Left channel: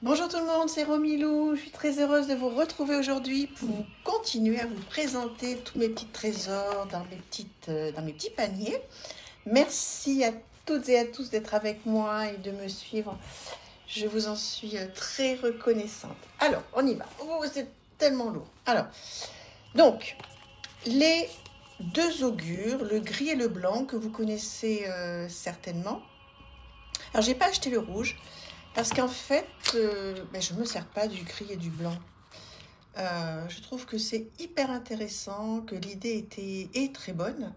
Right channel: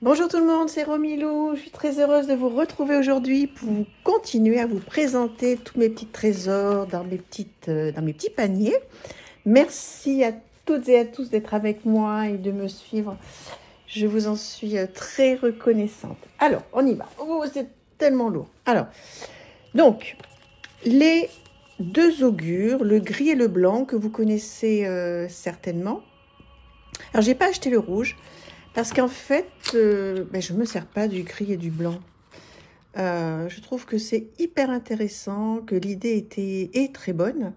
Bonjour tout le monde, c'est Romilou. Je suis très heureuse de vous retrouver aujourd'hui pour continuer à vous présenter tous mes petits trésors dans mes petits paniers. Merci à toutes et à tous d'être avec moi et de me suivre. Je vous en suis très reconnaissante. Alors, on y va. Oh, c'est tellement lourd. Alors, donc, les deux augures, le gris et le blanc que vous connaissez certainement. Alors, j'ai pas acheté le rouge. Parce qu'en fait, je ne me sers pas du gris et du blanc. Je trouve que c'est hyper intéressant, que l'idée est très bonne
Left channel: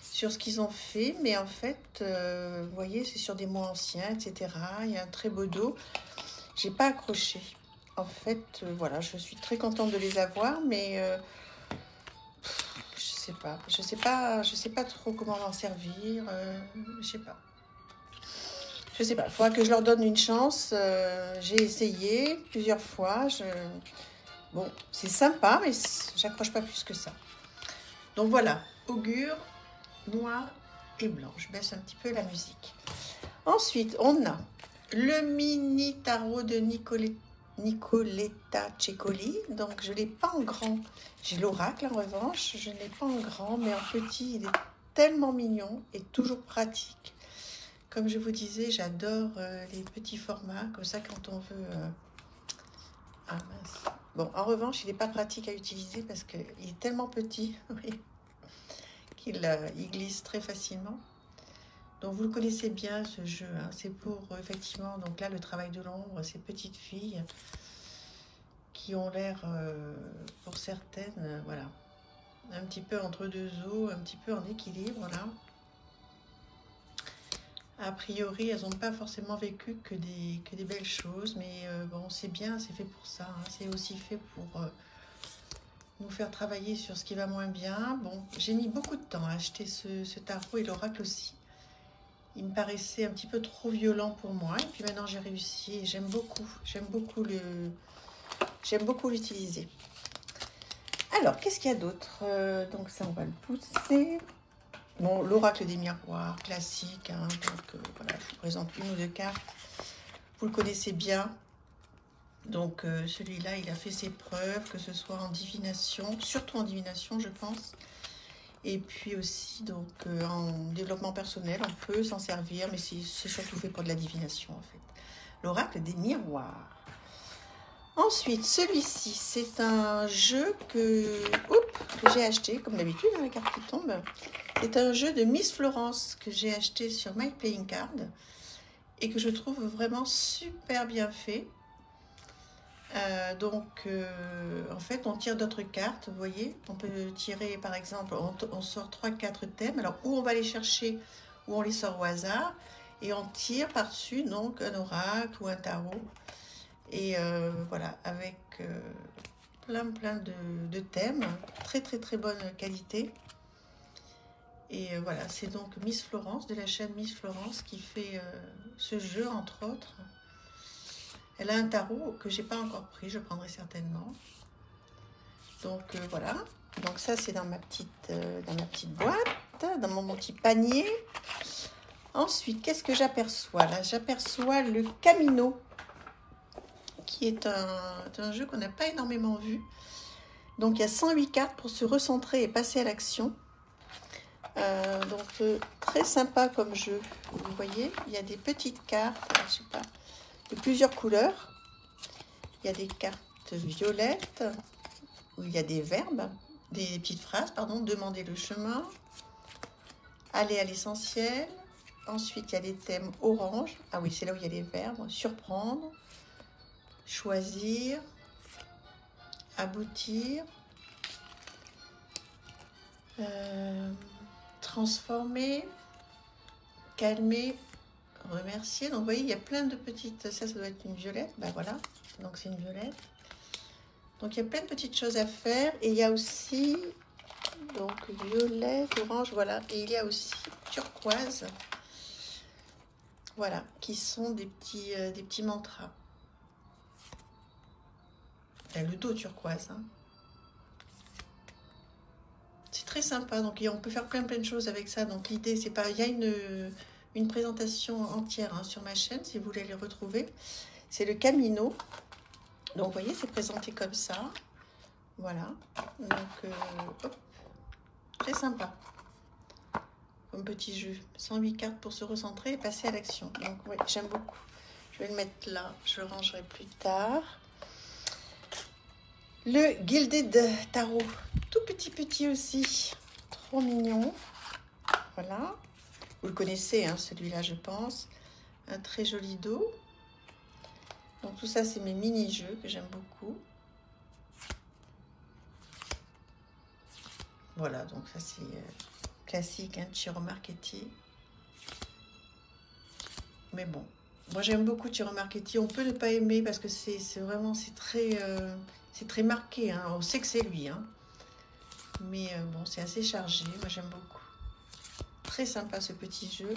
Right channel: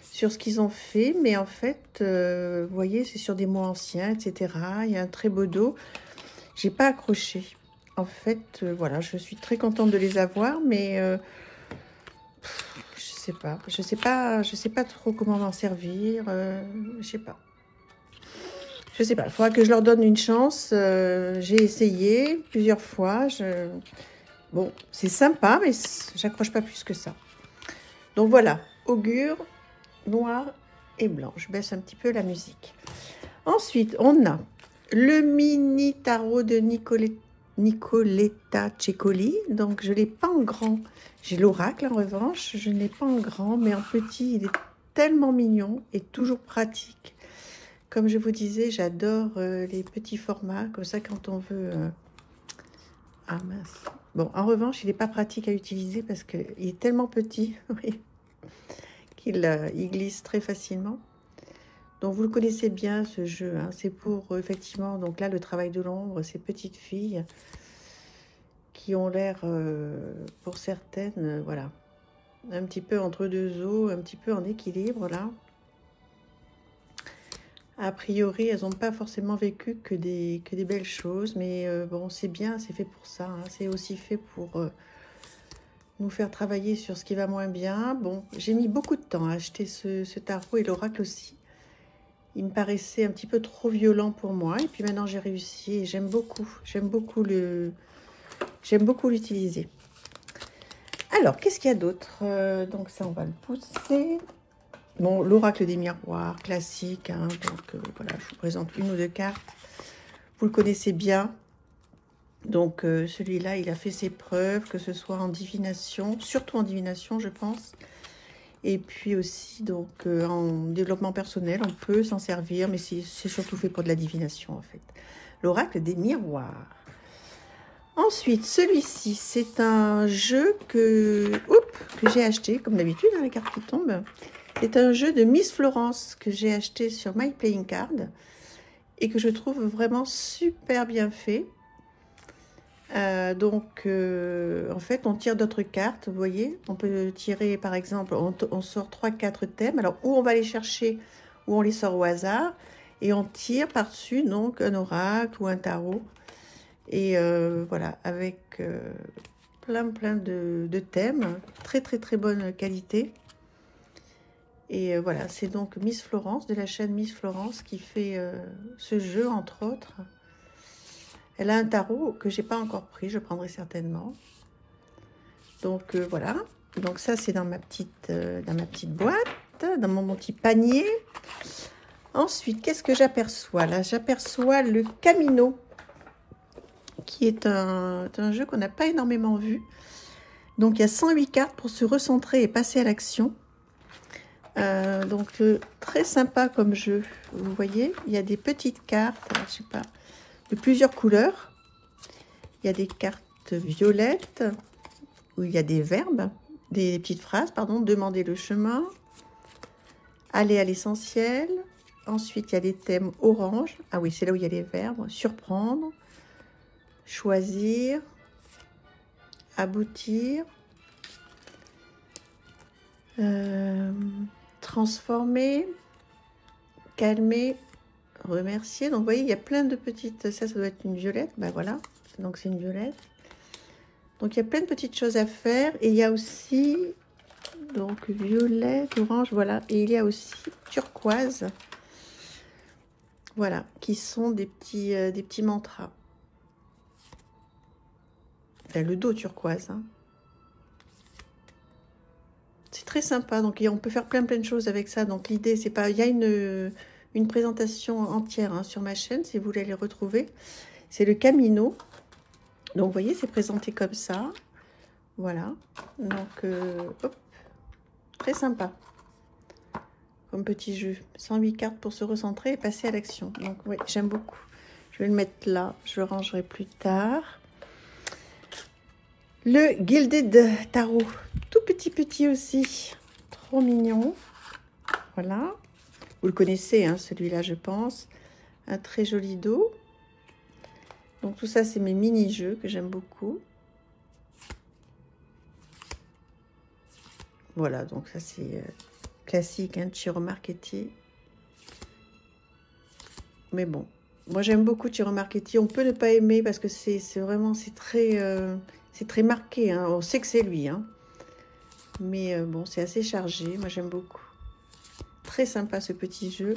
sur ce qu'ils ont fait. Mais en fait, vous voyez, c'est sur des mots anciens, etc. Il y a un très beau dos. J'ai pas accroché. En fait, voilà, je suis très contente de les avoir, mais je sais pas trop comment m'en servir. Je sais pas. Je sais pas, il faudra que je leur donne une chance. J'ai essayé plusieurs fois. Bon, c'est sympa, mais j'accroche pas plus que ça. Donc voilà, augure, noir et blanc. Je baisse un petit peu la musique. Ensuite, on a le mini tarot de Nicoletta Ceccoli. Donc, je ne l'ai pas en grand. J'ai l'oracle en revanche. Je ne l'ai pas en grand, mais en petit, il est tellement mignon et toujours pratique. Comme je vous disais, j'adore les petits formats, comme ça quand on veut... Ah mince. Bon, en revanche, il n'est pas pratique à utiliser parce qu'il est tellement petit qu'il il glisse très facilement. Donc vous le connaissez bien ce jeu, hein. C'est pour effectivement, donc là le travail de l'ombre, ces petites filles qui ont l'air, pour certaines, voilà, un petit peu entre deux eaux, un petit peu en équilibre là. A priori, elles n'ont pas forcément vécu que des belles choses, mais bon, c'est bien, c'est fait pour ça, hein. C'est aussi fait pour nous faire travailler sur ce qui va moins bien. Bon, j'ai mis beaucoup de temps à acheter ce tarot et l'oracle aussi. Il me paraissait un petit peu trop violent pour moi, et puis maintenant j'ai réussi et j'aime beaucoup l'utiliser. Alors, qu'est-ce qu'il y a d'autre? Donc ça, on va le pousser. Bon, l'oracle des miroirs, classique, hein, donc voilà, je vous présente une ou deux cartes. Vous le connaissez bien. Donc celui-là, il a fait ses preuves, que ce soit en divination, surtout en divination, je pense. Et puis aussi, donc, en développement personnel, on peut s'en servir, mais c'est surtout fait pour de la divination, en fait. L'oracle des miroirs. Ensuite, celui-ci, c'est un jeu que j'ai acheté, comme d'habitude, les cartes qui tombent. C'est un jeu de Miss Florence que j'ai acheté sur My Playing Card et que je trouve vraiment super bien fait. En fait, on tire d'autres cartes, vous voyez. On peut tirer, par exemple, on sort 3-4 thèmes. Alors, où on va les chercher, ou on les sort au hasard. Et on tire par-dessus, donc, un oracle ou un tarot. Et voilà, avec plein de thèmes. Très bonne qualité. Et voilà, c'est donc Miss Florence, de la chaîne Miss Florence, qui fait ce jeu, entre autres. Elle a un tarot que j'ai pas encore pris, je prendrai certainement. Donc voilà, donc ça c'est dans ma petite boîte, dans mon petit panier. Ensuite, qu'est-ce que j'aperçois? Là, j'aperçois le Camino, qui est un jeu qu'on n'a pas énormément vu. Donc il y a 108 cartes pour se recentrer et passer à l'action. Très sympa comme jeu. Vous voyez, il y a des petites cartes, je sais pas, de plusieurs couleurs. Il y a des cartes violettes où il y a des verbes, des petites phrases, pardon. Demander le chemin, aller à l'essentiel. Ensuite, il y a des thèmes orange. Ah oui, c'est là où il y a les verbes. Surprendre, choisir, aboutir, transformer, calmer, remercier. Donc vous voyez, il y a plein de petites, ça doit être une violette, ben voilà, donc c'est une violette. Donc il y a plein de petites choses à faire. Et il y a aussi, donc violet, orange, voilà, et il y a aussi turquoise, voilà, qui sont des petits mantras. Là, le dos turquoise, hein. C'est très sympa, donc on peut faire plein de choses avec ça. Donc l'idée, c'est pas, il y a une présentation entière hein, sur ma chaîne, si vous voulez les retrouver. C'est le Camino. Donc, vous voyez, c'est présenté comme ça. Voilà. Donc, hop, très sympa. Comme petit jeu. 108 cartes pour se recentrer et passer à l'action. Donc, oui, j'aime beaucoup. Je vais le mettre là. Je le rangerai plus tard. Le Gilded Tarot. Tout petit aussi. Trop mignon. Voilà. Vous le connaissez, hein, celui-là, je pense. Un très joli dos. Donc, tout ça, c'est mes mini-jeux que j'aime beaucoup. Voilà, donc ça, c'est classique, hein, Ciro Marchetti. Mais bon, moi, j'aime beaucoup Ciro Marchetti. On peut ne pas aimer parce que c'est vraiment, c'est très marqué. Hein. On sait que c'est lui. Hein. Mais bon, c'est assez chargé. Moi, j'aime beaucoup. Très sympa, ce petit jeu.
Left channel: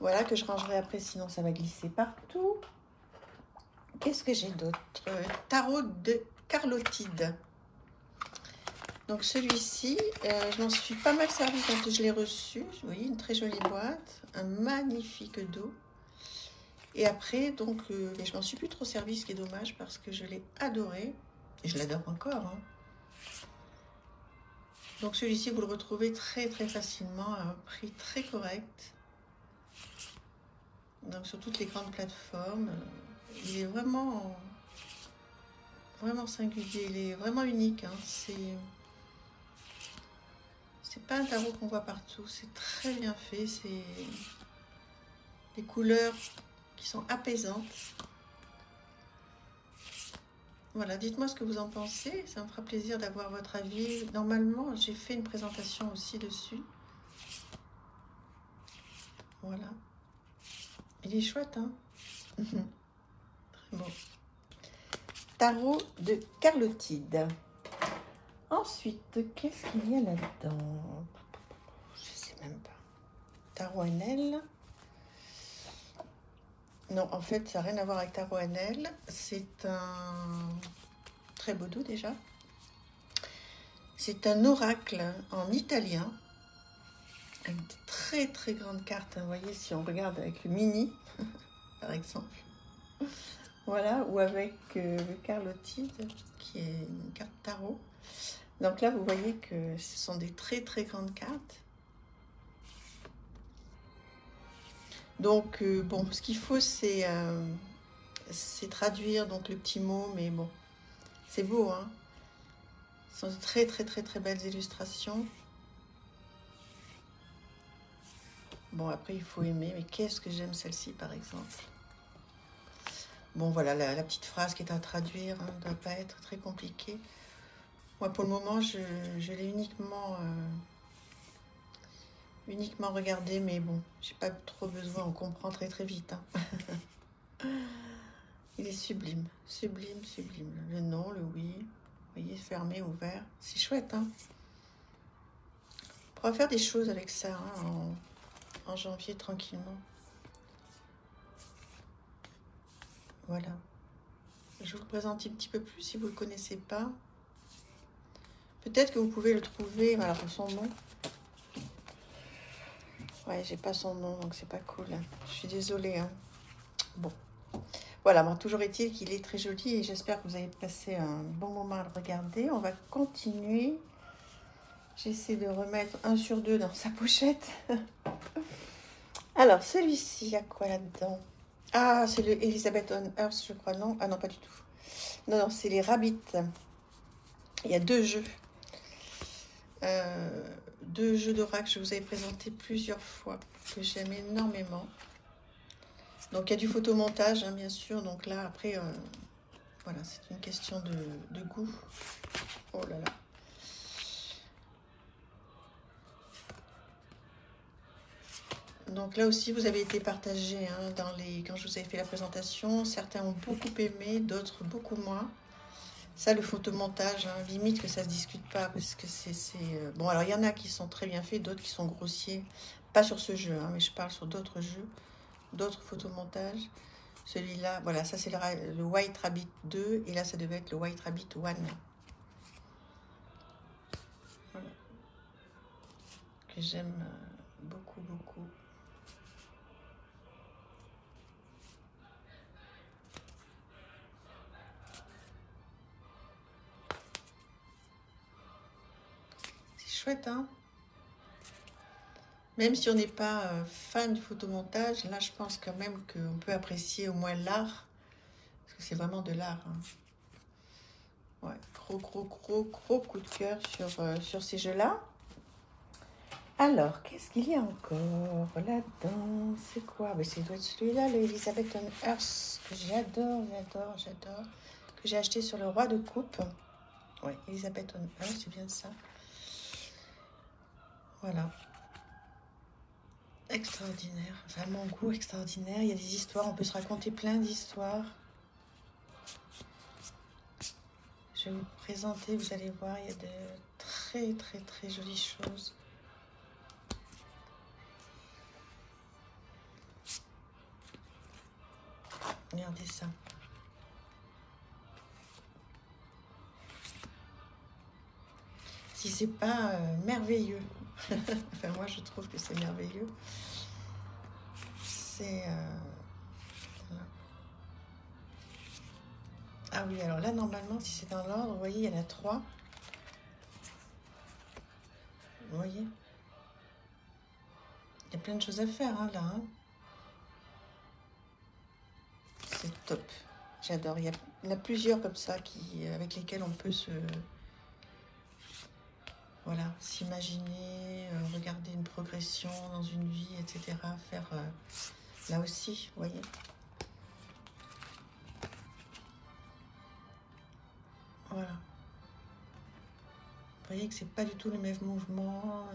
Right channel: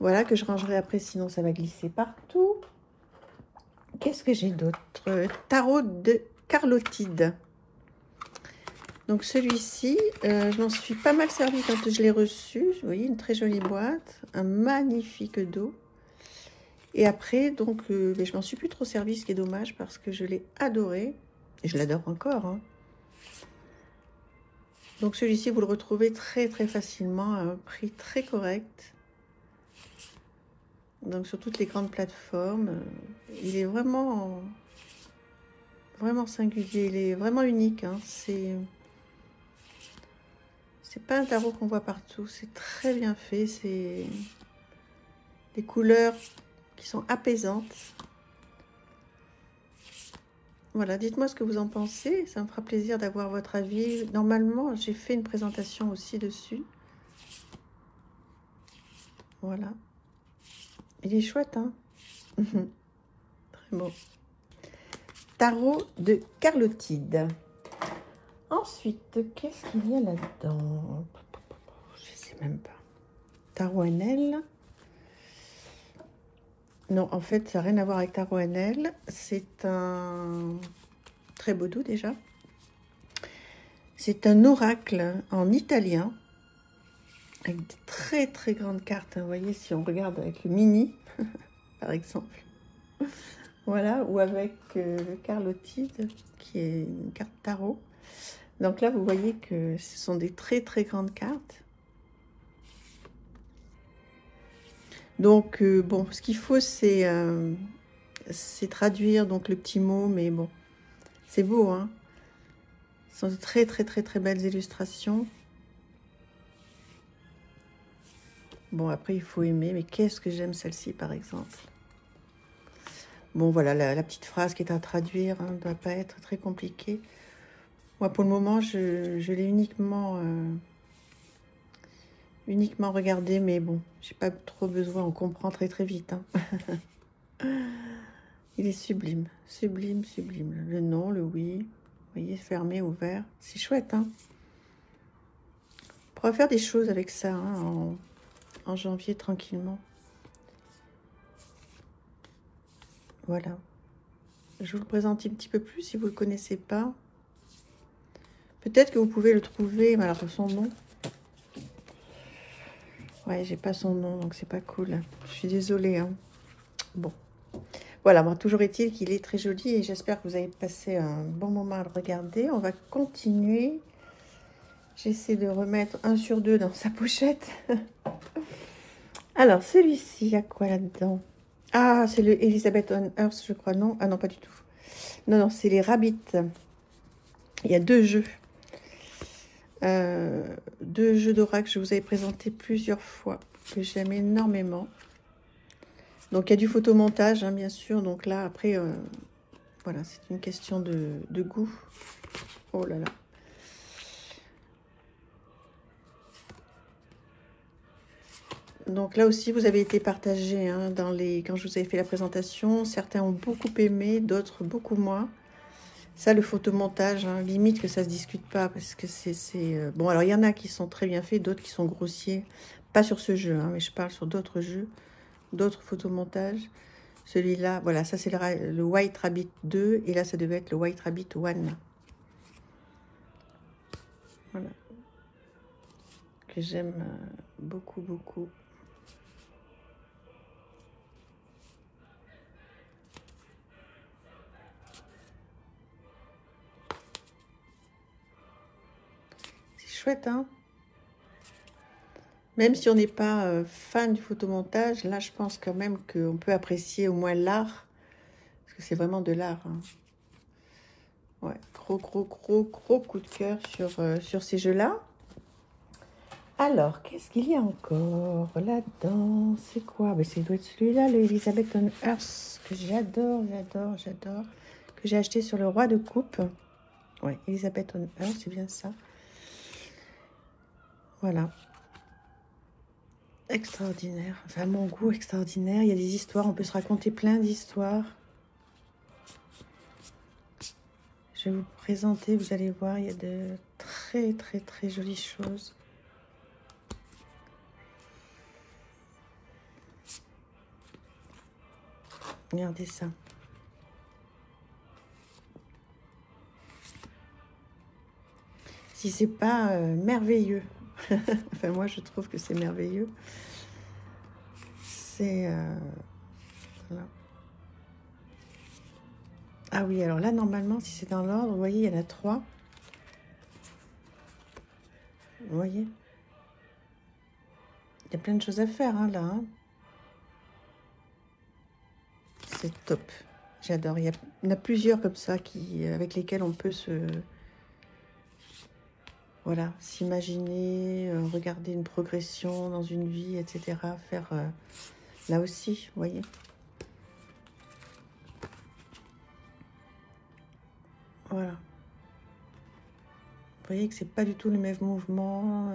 Voilà, que je rangerai après, sinon ça va glisser partout. Qu'est-ce que j'ai d'autre? Tarot de Carlotide. Donc celui-ci, je m'en suis pas mal servi quand je l'ai reçu. Vous voyez, une très jolie boîte. Un magnifique dos. Et après, donc, je m'en suis plus trop servi, ce qui est dommage, parce que je l'ai adoré. Et je l'adore encore. Hein. Donc celui-ci, vous le retrouvez très facilement à un prix très correct. Donc sur toutes les grandes plateformes. Il est vraiment singulier. Il est vraiment unique. Hein. C'est pas un tarot qu'on voit partout. C'est très bien fait. C'est des couleurs qui sont apaisantes. Voilà, dites-moi ce que vous en pensez. Ça me fera plaisir d'avoir votre avis. Normalement, j'ai fait une présentation aussi dessus. Voilà. Il est chouette, hein. Très beau. Tarot de Carlotide. Ensuite, qu'est-ce qu'il y a là-dedans? Je sais même pas. Tarot NL. Non, en fait, ça n'a rien à voir avec Tarot NL. C'est un très beau dos déjà. C'est un oracle en italien. Avec de très grandes cartes. Vous voyez, si on regarde avec le mini, par exemple. Voilà, ou avec le Carlotide, qui est une carte tarot. Donc là, vous voyez que ce sont des très grandes cartes. Donc, bon, ce qu'il faut, c'est traduire donc le petit mot, mais bon, c'est beau, hein. Ce sont de très belles illustrations. Bon, après, il faut aimer, mais qu'est-ce que j'aime celle-ci, par exemple. Bon, voilà, la petite phrase qui est à traduire ne doit pas être très compliquée. Moi, pour le moment, je l'ai uniquement regardé, mais bon, j'ai pas trop besoin, on comprend très vite. Hein. Il est sublime. Le non, le oui, vous voyez, fermé, ouvert, c'est chouette. Hein. On pourra faire des choses avec ça hein, en janvier, tranquillement. Voilà. Je vous le présente un petit peu plus si vous ne le connaissez pas. Peut-être que vous pouvez le trouver, mais alors son nom. Ouais, j'ai pas son nom, donc c'est pas cool. Je suis désolée. Hein. Bon. Voilà, bon, toujours est-il qu'il est très joli et j'espère que vous avez passé un bon moment à le regarder. On va continuer. J'essaie de remettre 1 sur 2 dans sa pochette. Alors, celui-ci, il y a quoi là-dedans? Ah, c'est le Elizabeth on Earth, je crois, non? Ah non, pas du tout. Non, c'est les Rabbits. Il y a 2 jeux. 2 jeux d'oracle, je vous avais présenté plusieurs fois, que j'aime énormément. Donc, il y a du photomontage, hein, bien sûr. Donc là, après, voilà, c'est une question de goût. Oh là là. Donc là aussi, vous avez été partagé hein, quand je vous avais fait la présentation. Certains ont beaucoup aimé, d'autres beaucoup moins. Ça, le photomontage, hein, limite que ça se discute pas parce que c'est... Bon, alors il y en a qui sont très bien faits, d'autres qui sont grossiers. Pas sur ce jeu, hein, mais je parle sur d'autres jeux, d'autres photomontages. Celui-là, voilà, ça c'est le White Rabbit 2 et là ça devait être le White Rabbit 1. Voilà. Que j'aime beaucoup. chouette, hein. Même si on n'est pas fan du photomontage, là, je pense quand même qu'on peut apprécier au moins l'art. Parce que c'est vraiment de l'art. Hein. Ouais, gros coup de cœur sur ces jeux-là. Alors, qu'est-ce qu'il y a encore là-dedans? C'est quoi? Ben, c'est doit être celui-là, le Elizabeth on Earth, que j'adore. Que j'ai acheté sur le Roi de Coupe. Ouais, Elizabeth on Earth, c'est bien ça. Voilà. Extraordinaire. Enfin, mon goût extraordinaire. Il y a des histoires, on peut se raconter plein d'histoires. Je vais vous présenter, vous allez voir, il y a de très jolies choses. Regardez ça. Si c'est pas merveilleux. Enfin, moi, je trouve que c'est merveilleux. C'est... voilà. Ah oui, alors là, normalement, si c'est dans l'ordre, vous voyez, il y en a 3. Vous voyez? Il y a plein de choses à faire, hein, là. Hein. C'est top. J'adore. Il y en a plusieurs comme ça avec lesquels on peut voilà, s'imaginer, regarder une progression dans une vie, etc. Faire là aussi, vous voyez. Voilà. Vous voyez que c'est pas du tout le même mouvement.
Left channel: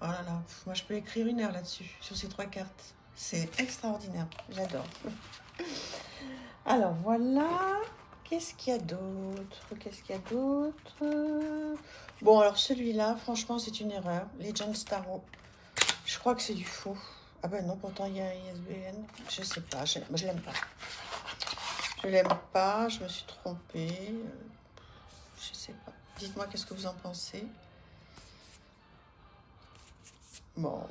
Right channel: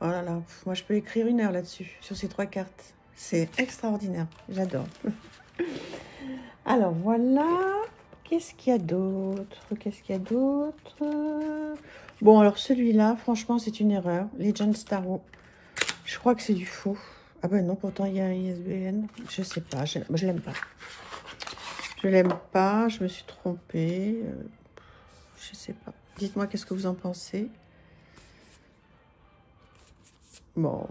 Oh là là, moi je peux écrire 1 heure là-dessus, sur ces 3 cartes. C'est extraordinaire, j'adore. Alors voilà, qu'est-ce qu'il y a d'autre? Bon, alors celui-là, franchement, c'est une erreur. Legend Tarot. Je crois que c'est du faux. Ah ben non, pourtant il y a un ISBN. Je sais pas, je l'aime pas. Je l'aime pas, je me suis trompée. Je sais pas. Dites-moi qu'est-ce que vous en pensez. Bon.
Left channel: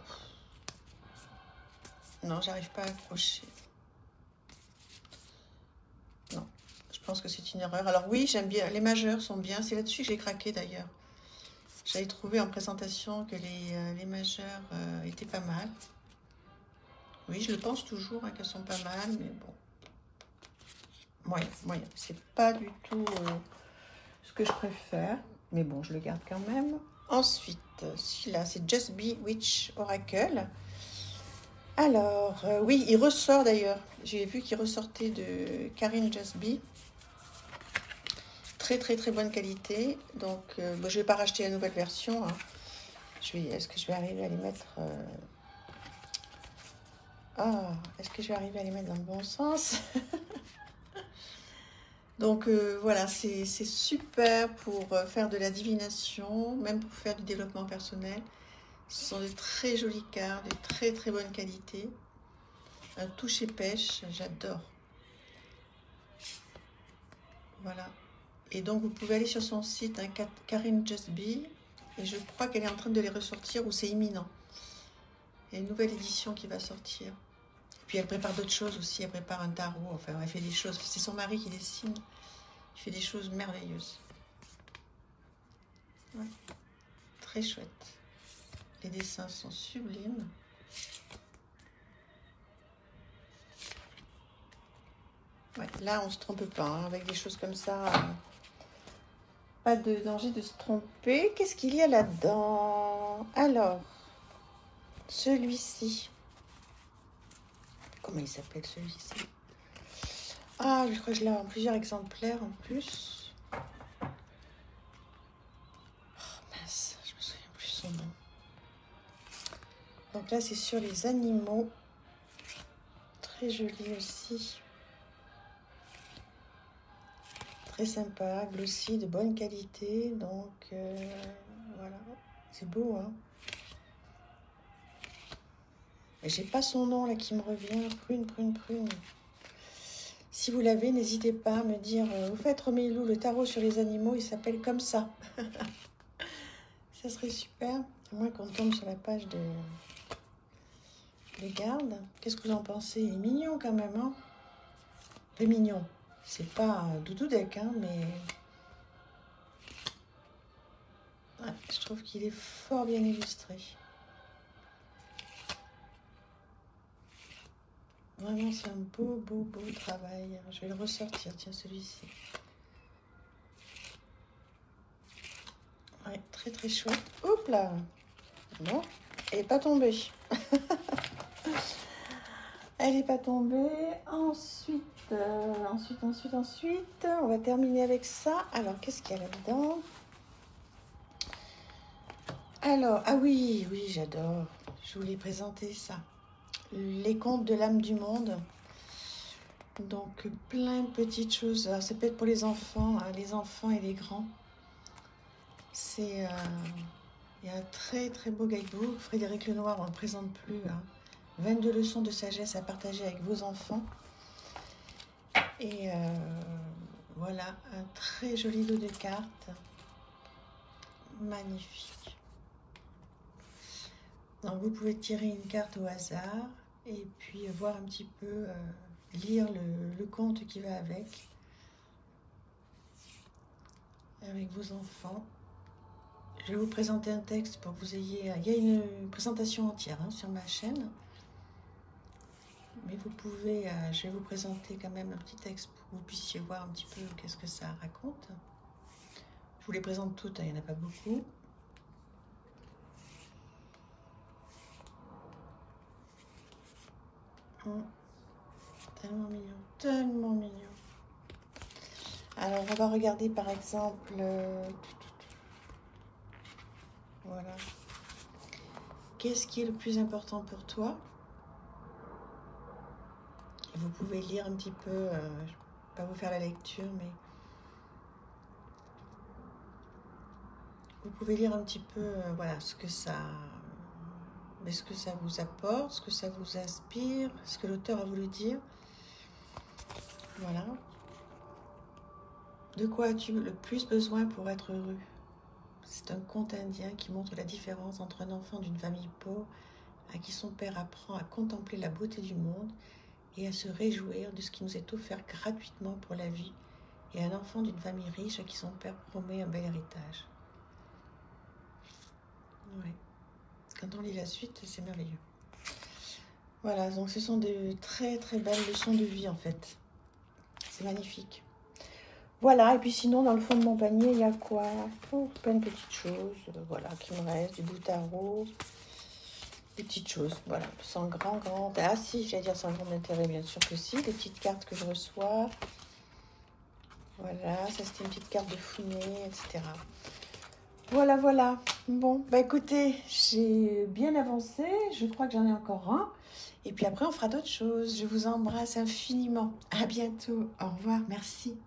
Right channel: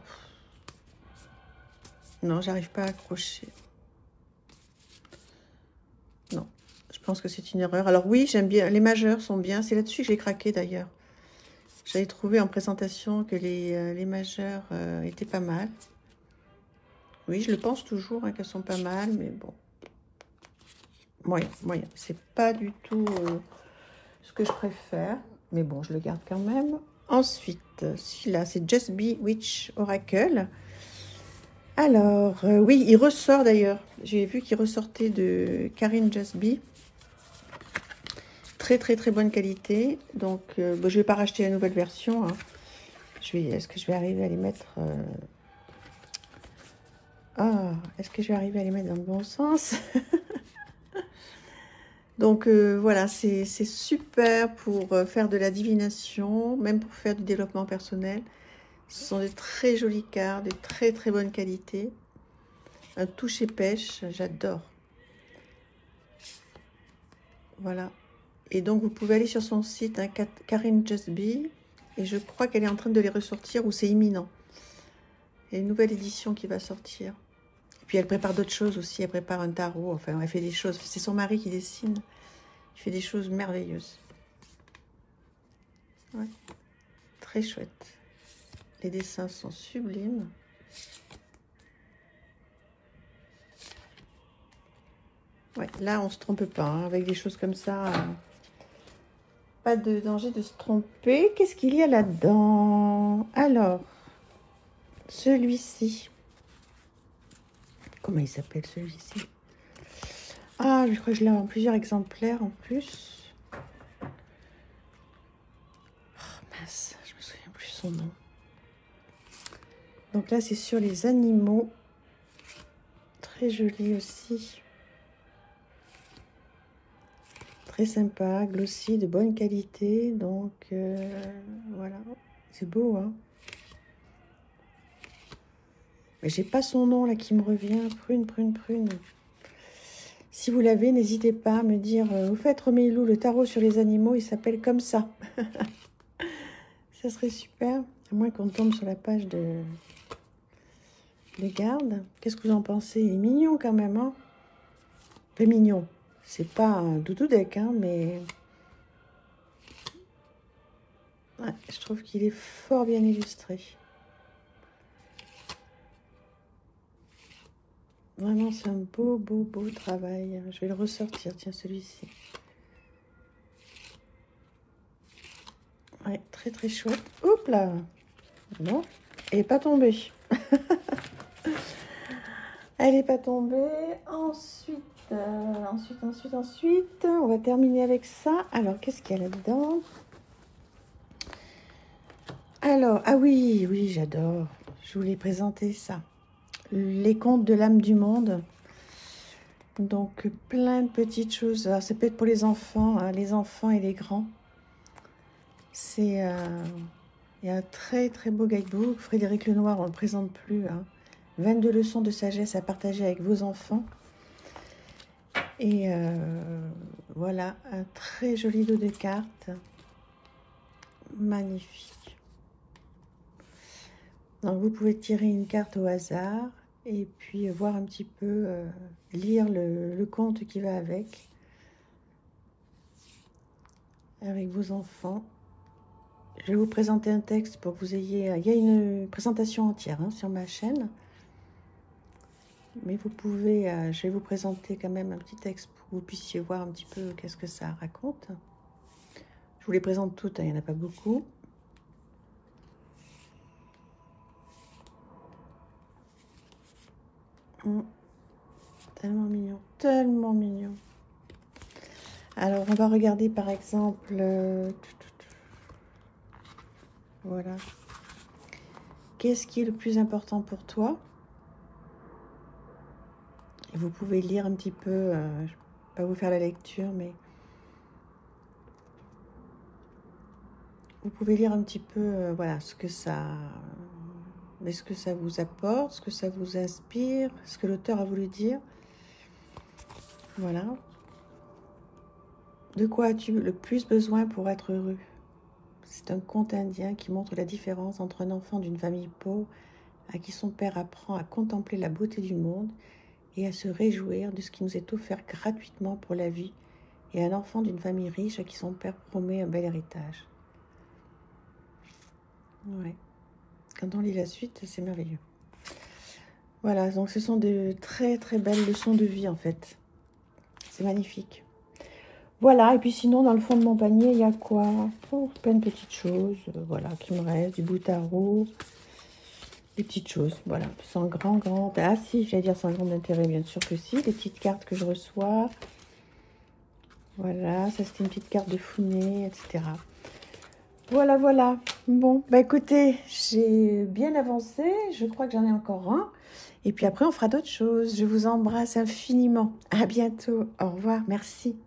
Non, j'arrive pas à accrocher. Non, je pense que c'est une erreur. Alors oui, j'aime bien. Les majeurs sont bien. C'est là-dessus que j'ai craqué d'ailleurs. J'avais trouvé en présentation que les majeurs étaient pas mal. Oui, je le pense toujours hein, qu'elles sont pas mal, mais bon. Moyen. C'est pas du tout ce que je préfère. Mais bon, je le garde quand même. Ensuite, celui-là, c'est Just Be Witch Oracle. Alors, oui, il ressort d'ailleurs. J'ai vu qu'il ressortait de Karine Just Be. Très bonne qualité. Donc, bon, je ne vais pas racheter la nouvelle version. Hein. Est-ce que je vais arriver à les mettre... est-ce que je vais arriver à les mettre dans le bon sens? Donc, voilà, c'est super pour faire de la divination, même pour faire du développement personnel. Ce sont des très jolies cartes, de très bonne qualité. Un toucher pêche, j'adore. Voilà. Et donc, vous pouvez aller sur son site, hein, Karine Just Be. Et je crois qu'elle est en train de les ressortir ou c'est imminent. Il y a une nouvelle édition qui va sortir. Puis elle prépare d'autres choses aussi. Elle prépare un tarot. Enfin, elle fait des choses. C'est son mari qui dessine. Il fait des choses merveilleuses. Ouais. Très chouette. Les dessins sont sublimes. Ouais, là, on se trompe pas. Hein, avec des choses comme ça, pas de danger de se tromper. Qu'est-ce qu'il y a là-dedans? Alors, celui-ci. Comment il s'appelle celui-ci? Ah, je crois que je l'ai en plusieurs exemplaires en plus. Oh, mince, je me souviens plus son nom. Donc là, c'est sur les animaux. Très joli aussi. Très sympa, glossy, de bonne qualité. Donc, voilà. C'est beau, hein. Mais j'ai pas son nom, là, qui me revient. Prune. Si vous l'avez, n'hésitez pas à me dire. Vous faites Romilou, le tarot sur les animaux, il s'appelle comme ça. Ça serait super. À moins qu'on tombe sur la page de les gardes. Qu'est-ce que vous en pensez? Il est mignon quand même, hein. Pas mignon. C'est pas un doudou deck, hein, mais Ouais, je trouve qu'il est fort bien illustré. Vraiment, c'est un beau travail. Je vais le ressortir, tiens, celui-ci. Ouais, très chouette. Hop là. Non, elle n'est pas tombée. Elle n'est pas tombée. Ensuite, on va terminer avec ça. Alors, qu'est-ce qu'il y a là-dedans? Alors, ah oui, j'adore. Je voulais présenter ça. Les contes de l'âme du monde. Donc, plein de petites choses. Alors, ça peut être pour les enfants et les grands. C'est un très beau guidebook. Frédéric Lenoir, on ne le présente plus. Hein. 22 leçons de sagesse à partager avec vos enfants. Et voilà, un très joli lot de cartes. Magnifique. Donc, vous pouvez tirer une carte au hasard et puis voir un petit peu, lire le conte qui va avec vos enfants. Je vais vous présenter un texte pour que vous ayez... Il y a une présentation entière hein, sur ma chaîne. Mais vous pouvez... je vais vous présenter quand même un petit texte pour que vous puissiez voir un petit peu qu'est-ce que ça raconte. Je vous les présente toutes, hein, il n'y en a pas beaucoup. Tellement mignon, tellement mignon. Alors, on va regarder par exemple... voilà. Qu'est-ce qui est le plus important pour toi? Et vous pouvez lire un petit peu, je ne vais pas vous faire la lecture, mais vous pouvez lire un petit peu, voilà, ce que ça vous apporte, ce que ça vous inspire, ce que l'auteur a voulu dire. Voilà. De quoi as-tu le plus besoin pour être heureux? C'est un conte indien qui montre la différence entre un enfant d'une famille pauvre à qui son père apprend à contempler la beauté du monde et à se réjouir de ce qui nous est offert gratuitement pour la vie, et un enfant d'une famille riche à qui son père promet un bel héritage. Ouais. Quand on lit la suite, c'est merveilleux. Voilà, donc ce sont de très belles leçons de vie en fait. C'est magnifique. Voilà, et puis sinon, dans le fond de mon panier, il y a quoi? Oh, plein de petites choses, voilà, qui me restent, du bout à bout. Des petites choses, voilà, sans grand... Ah si, j'allais dire sans grand intérêt, bien sûr que si. Des petites cartes que je reçois. Voilà, ça c'était une petite carte de fumée, etc. Voilà. Bon, bah écoutez, j'ai bien avancé. Je crois que j'en ai encore un. Et puis après, on fera d'autres choses. Je vous embrasse infiniment. À bientôt. Au revoir. Merci.